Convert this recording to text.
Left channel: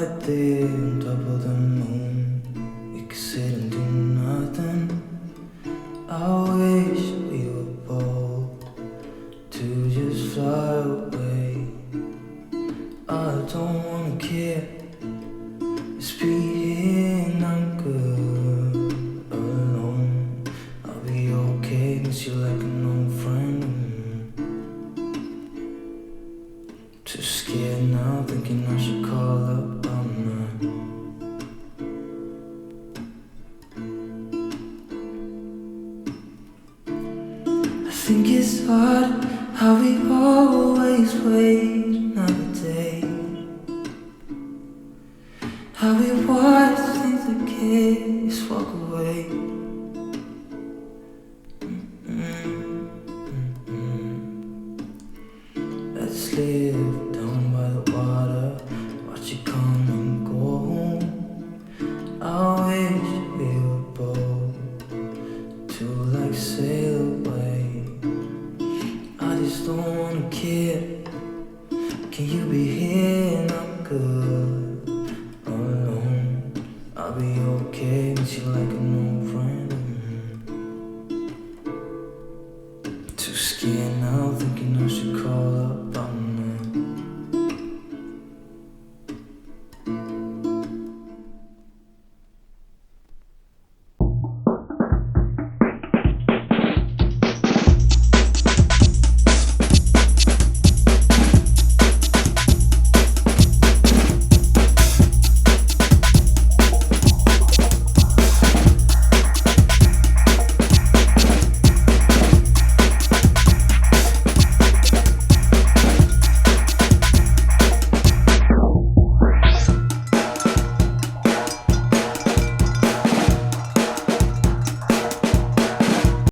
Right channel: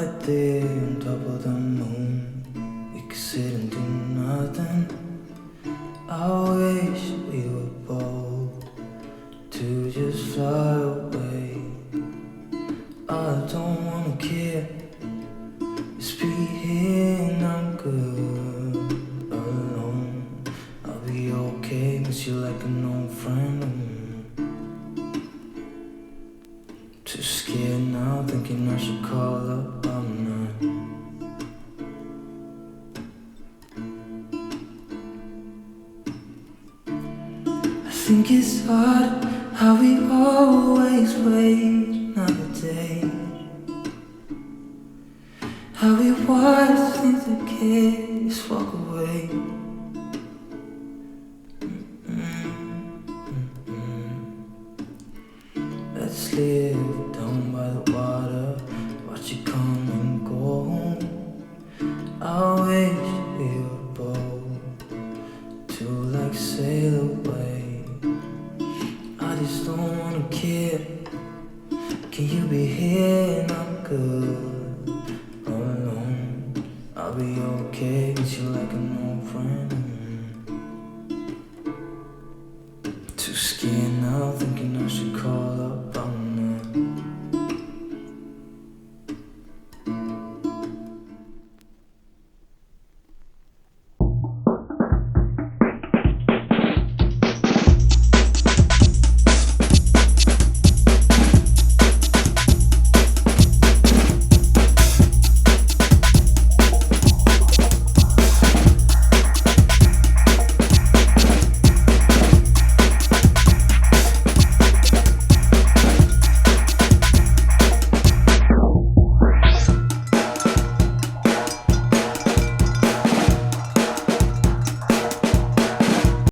Right there on top of the moon, we could sit and do nothing. I wish we were bold to just fly away. I don't wanna care, just be here and I'm good alone. I'll be okay, miss you like an old friend. Too scared now, thinking I should call up, I'm not. I think it's hard how we always wait another day, how we watch things that can't just walk away. Let's live down by the water, watch it come and go home. I wish we were bold to like sail away. I just don't wanna care. Can you be here and I'm good alone? I'll be okay, miss you like an old friend.